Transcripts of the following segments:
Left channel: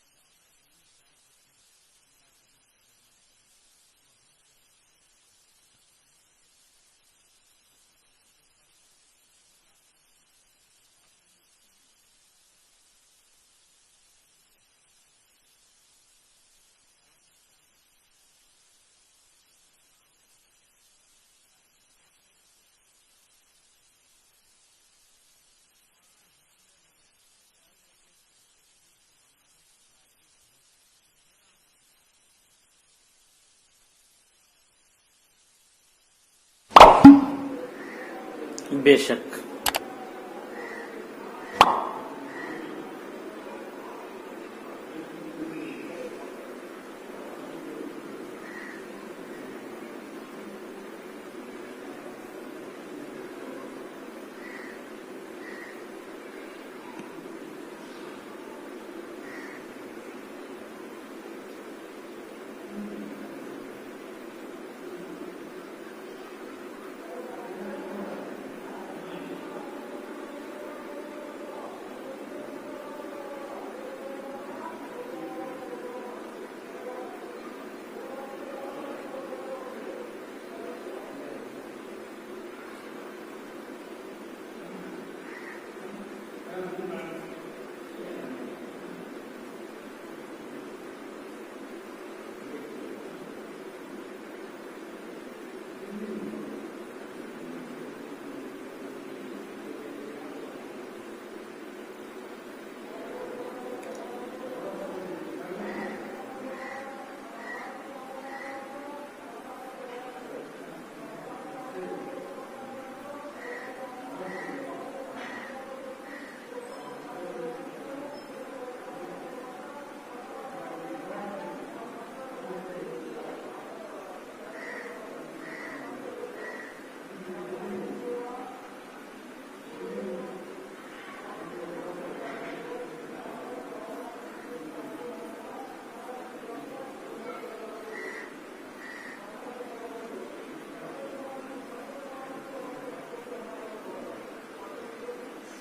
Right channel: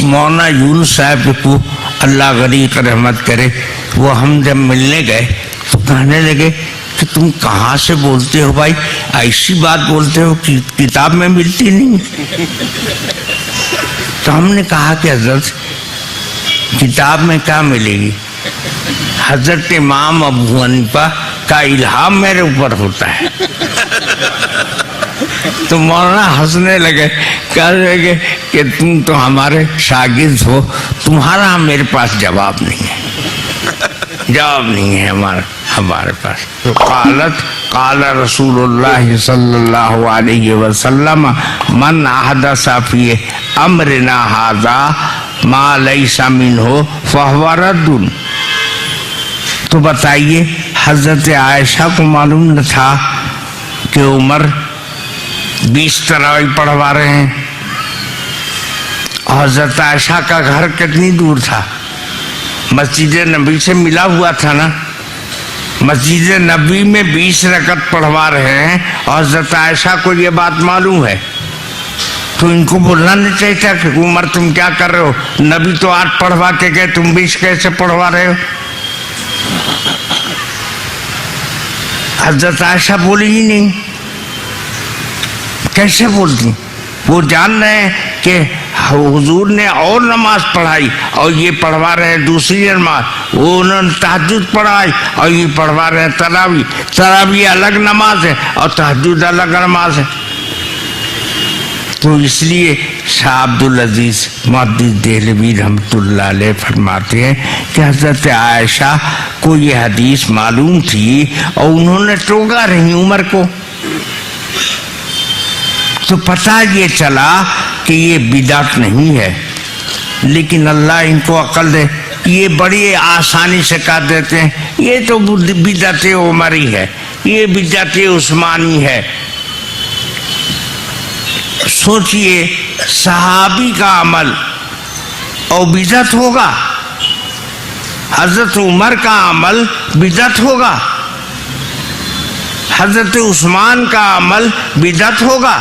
مولانا یونس صاحب کو اللہ غریق رحمت کرے، وہ ہم جب ملنے گئے تو کہنے لگے کہ تم کہاں سے بولتے ہو بھائی، ایسی بات بولتے ہو کہ کتاب میں ملتی نہیں۔ تو ہم نے کہا کہ حضرت کتاب میں کیا ملے گی، حضرت امام ابو حنیفہ کا الہام میرے اوپر ہوتا ہے۔ تو مولانا ہنسنے لگے، کہنے لگے کہ تم تو ہمارے شاگرد ہو، تمہارا میرے پاس جواب نہیں ہے، جواب نہیں ہے ہمارے پاس۔ تو قال رسول اللہ صلی اللہ علیہ وسلم من احدث فی امرنا ھذا ما لیس منہ فہو رد۔ تو بتائیے حضرت عائشہ کو معلوم نہ تھا کہ عمر 20 تراویح پڑھوا رہے ہیں؟ اور حضرت عائشہ کا گھر کتنی دور تھا؟ مسجد نبی سے ملا ہوا تھا نا۔ مسجد نبی میں 20 رکعت پڑھوا رہے ہیں اور حضرت عائشہ کو یہ بات معلوم ہے، تو ان کو بولنا نہیں چاہیے تھا کہ عمر تم کیا کر رہے ہو، نبی تو 8 پڑھوا کے گئے، تم 20 کیسے پڑھوا رہے ہو؟ حضرت عائشہ بولی ہی نہیں، کیسے بولتی؟ وہ جان رہے ہیں کہ حضور نے اور نماز پڑھائی اور یہ پڑھوا رہے ہیں دوسری نماز، وہ انہوں نے تہجد پڑھائی اور یہ پڑھوا رہے ہیں تراویح۔ تراویح الگ نماز ہے اور تہجد الگ نماز ہے۔ تو اس لیے شاہ عبدالعزیز محدث دہلوی رحمۃ اللہ علیہ فرماتے ہیں کہ حضرت عائشہ کو یہ حدیث معلوم تھی اور انہوں نے ٹوکا رہی عمر کو، تو پتہ یہ چلا کہ یہ بدعت نہیں ہے، لیکن اللہ ان کو عقل دے، یہ بڑی آسانی سے کہہ دیتے ہیں یہ تو بدعت عمری ہے، یہ بدعت عثمانی ہے۔ سوچئے صحابی کا عمل اور بدعت ہوگا، حضرت عمر کا عمل بدعت ہوگا، حضرت عثمان کا عمل بدعت ہوگا۔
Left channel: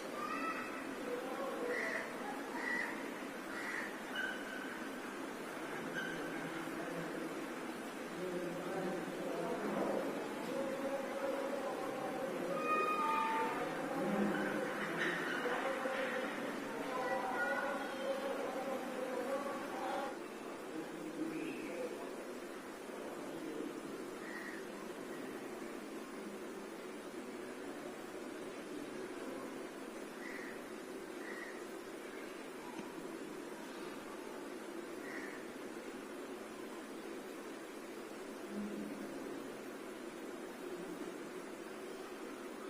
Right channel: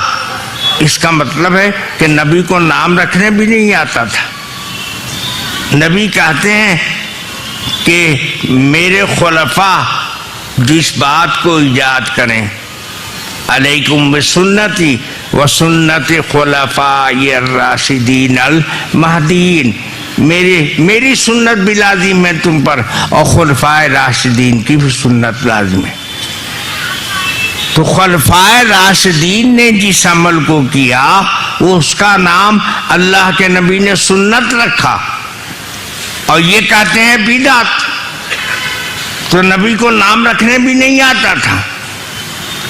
اس کا مطلب ہے کہ نبی کو نام رکھنے بھی نہیں آتا تھا۔ نبی کہتے ہیں کہ میرے خلفاء جس بات کو ایجاد کریں، علیکم بسنتی وسنت خلفاء الراشدین المہدیین، میری سنت بھی لازم ہے تم پر اور خلفاء راشدین کی بھی سنت لازم ہے۔ تو خلفاء راشدین نے جس عمل کو کیا اس کا نام اللہ کے نبی نے سنت رکھا اور یہ کہتے ہیں بدعت۔ تو نبی کو نام رکھنے بھی نہیں آتا تھا،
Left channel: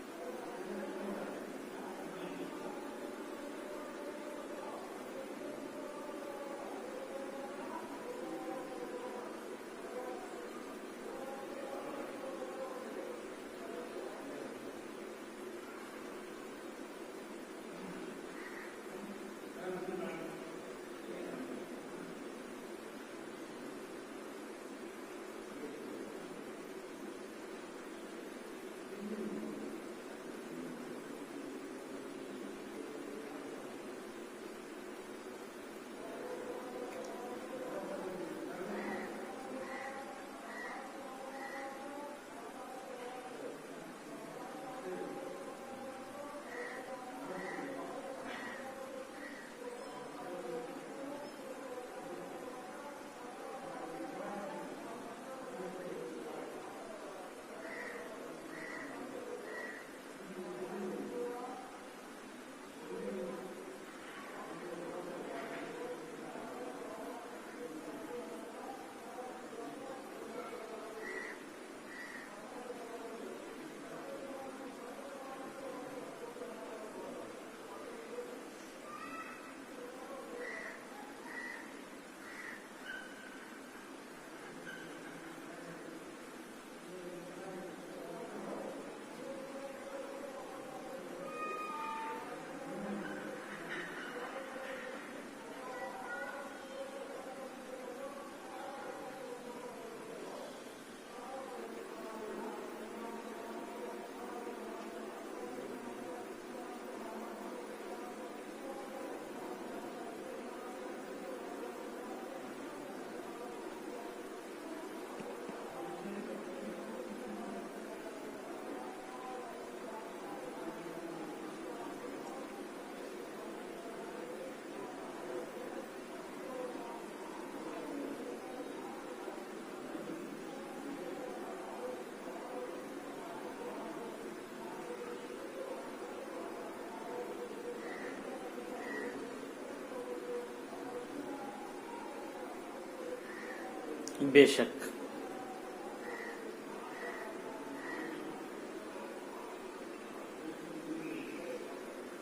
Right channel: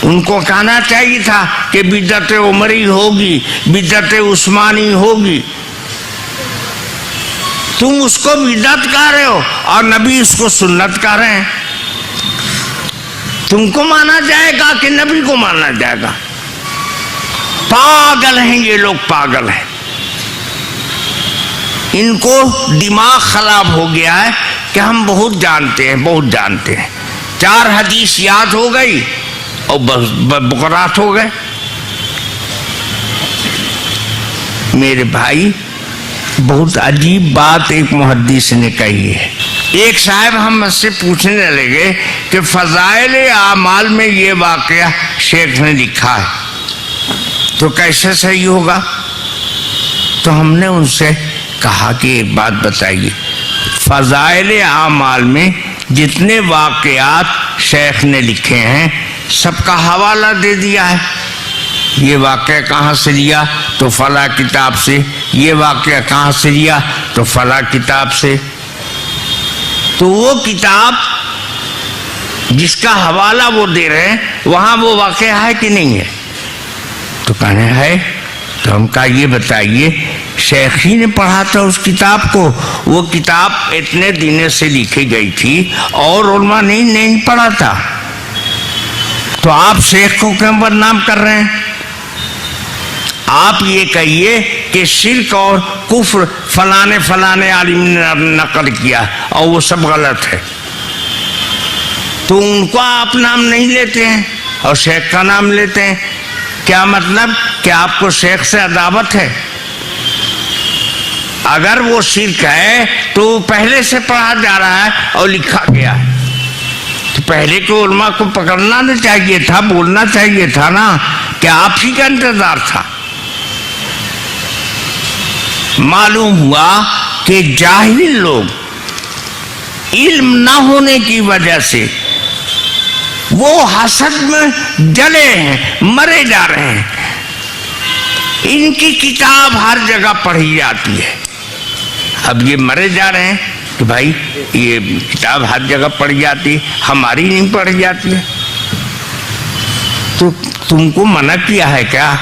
ان کو کہنا چاہیے تھا کہ بدعت عمری ہوگی، بدعت عثمانی ہوگی۔ تم اس کو بدعت کہہ رہے ہو اور نبی اس کو سنت کہہ رہے ہیں، تم کو مانا جائے گا کہ نبی کو مانا جائے گا؟ پاگل ہیں یہ لوگ، پاگل ہیں، ان کو دماغ خراب ہو گیا ہے کہ ہم بہت جانتے ہیں، بہت جانتے ہیں، 4 حدیث یاد ہو گئی اور بقرات ہو گئے۔ میرے بھائی بہت عجیب بات ایک محدث نے کہی ہے۔ ایک صاحب ہم سے پوچھنے لگے کہ فضائل اعمال میں یہ واقعہ شیخ نے لکھا ہے تو کیسے صحیح ہوگا؟ تو ہم نے ان سے کہا کہ ایک بات بتائیے، فضائل اعمال میں جتنے واقعات شیخ نے لکھے ہیں سب کا حوالہ دے دیا ہے، یہ واقعہ کہاں سے لیا تو فلاں کتاب سے، یہ واقعہ کہاں سے لیا تو فلاں کتاب سے۔ تو وہ کتاب جس کا حوالہ وہ دے رہے ہیں وہاں وہ واقعہ ہے کہ نہیں ہے؟ تو کہنے ہے۔ تو ہم کہا یہ بتائیے شیخ ہی نے پڑھا تھا اس کتاب کو، وہ کتاب اتنے دن سے لکھی گئی تھی اور علماء نے نہیں پڑھا تھا، تو آپ شیخ کو کیوں بدنام کر رہے ہیں؟ آپ یہ کہیے کہ شرک اور کفر فلانے عالم نے نقل کیا اور وہ سب غلط ہے، تو ان کو آپ نام نہیں لیتے ہیں اور شیخ کا نام لیتے ہیں، کیا مطلب کہ آپ کو شیخ سے عداوت ہے؟ اگر وہ شرک ہے تو پہلے سے پڑھا جا رہا ہے اور لکھا گیا ہے، تو پہلے کے علماء کو پکڑنا نہ چاہیے تھا، بولنا چاہیے تھا نا کہ آپ ہی کا انتظار تھا۔ معلوم ہوا کہ جاہل لوگ علم نہ ہونے کی وجہ سے وہ حسد میں جلے ہیں، مرے جا رہے ہیں۔ ان کی کتاب ہر جگہ پڑھی جاتی ہے، اب یہ مرے جا رہے ہیں کہ بھائی یہ کتاب ہر جگہ پڑھی جاتی، ہماری نہیں پڑھی جاتی ہے۔ تو تم کو منع کیا ہے کیا؟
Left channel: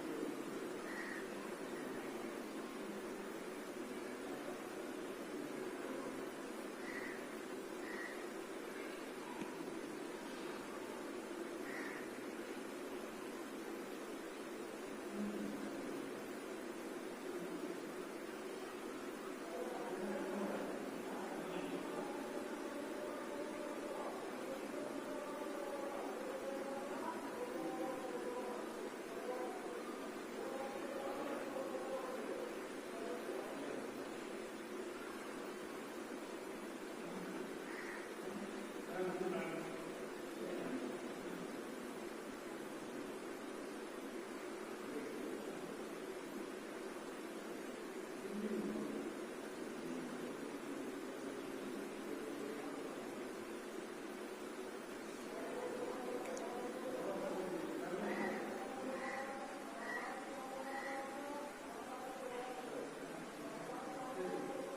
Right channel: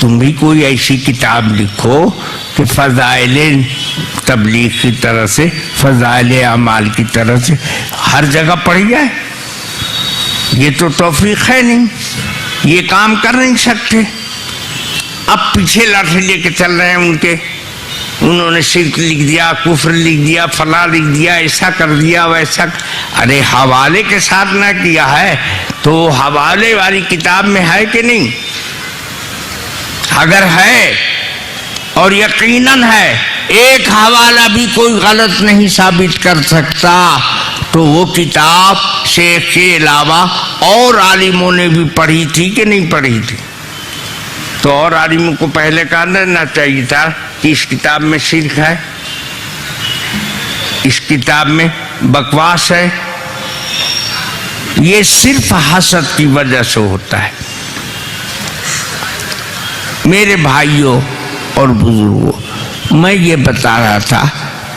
تم بھی کوئی ایسی کتاب لکھو کہ فضائل تبلیغ کی طرح سے، فضائل اعمال کی طرح سے ہر جگہ پڑھی جائے۔ یہ تو توفیق ہے نہیں، یہ کام کر نہیں سکتے۔ اب پیچھے لاٹھی لے کے چل رہے ہیں ان کے، انہوں نے شرک لکھ دیا، کفر لکھ دیا، فلاں لکھ دیا، ایسا کر دیا، ویسا۔ ارے حوالے کے ساتھ نہ کیا ہے تو حوالے والی کتاب میں ہے کہ نہیں؟ اگر ہے اور یقیناً ہے، ایک حوالہ بھی کوئی غلط نہیں ثابت کر سکتا، تو وہ کتاب شیخ کے علاوہ اور عالموں نے بھی پڑھی تھی کہ نہیں پڑھی تھی؟ تو اور عالموں کو پہلے کہا دینا چاہیے تھا کہ اس کتاب میں شرک ہے، اس کتاب میں بکواس ہے۔ یہ صرف حسد کی وجہ سے ہوتا ہے۔ میرے بھائیوں اور بزرگوں، میں یہ بتا رہا تھا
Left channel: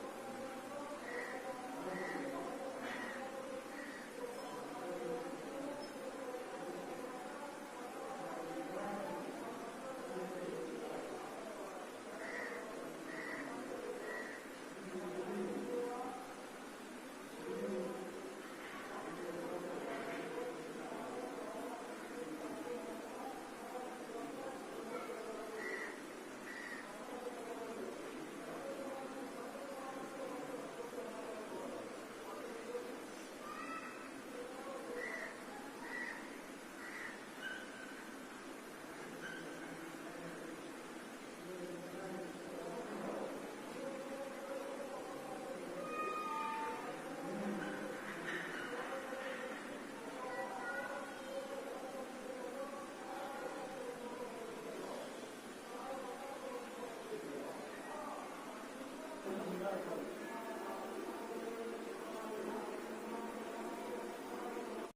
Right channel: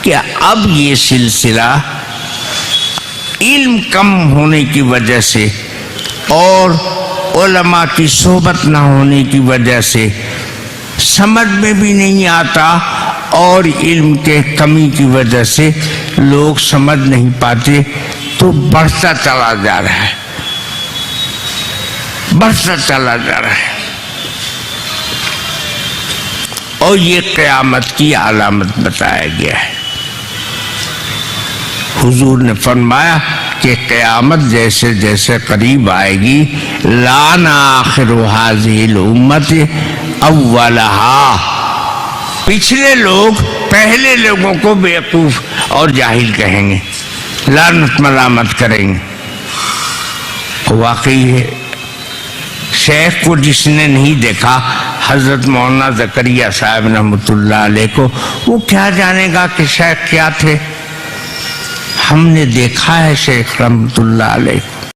کہ اب یہ سلسلہ علم کم ہونے کی وجہ سے اور علماء کی صحبت نہ ہونے کی وجہ سے سمجھ میں بھی نہیں آتا، اور علم کے کمی کی وجہ سے لوگ سمجھ نہیں پاتے، تو بڑھتا چلا جا رہا ہے، بڑھتا چلا جا رہا ہے۔ اور یہ قیامت کی علامت بتایا گیا ہے۔ حضور نے فرمایا کہ قیامت جیسے جیسے قریب آئے گی، لعن آخر هذه الامت اولها، پچھلے لوگ پہلے لوگوں کو بیوقوف اور جاہل کہیں گے، لعنت ملامت کریں گے۔ واقعی ہے، شیخ کو جس نے نہیں دیکھا، حضرت مولانا زکریا صاحب رحمۃ اللہ علیہ کو، وہ کیا جانے گا کہ شیخ کیا تھے؟ ہم نے دیکھا ہے شیخ رحمۃ اللہ علیہ کو۔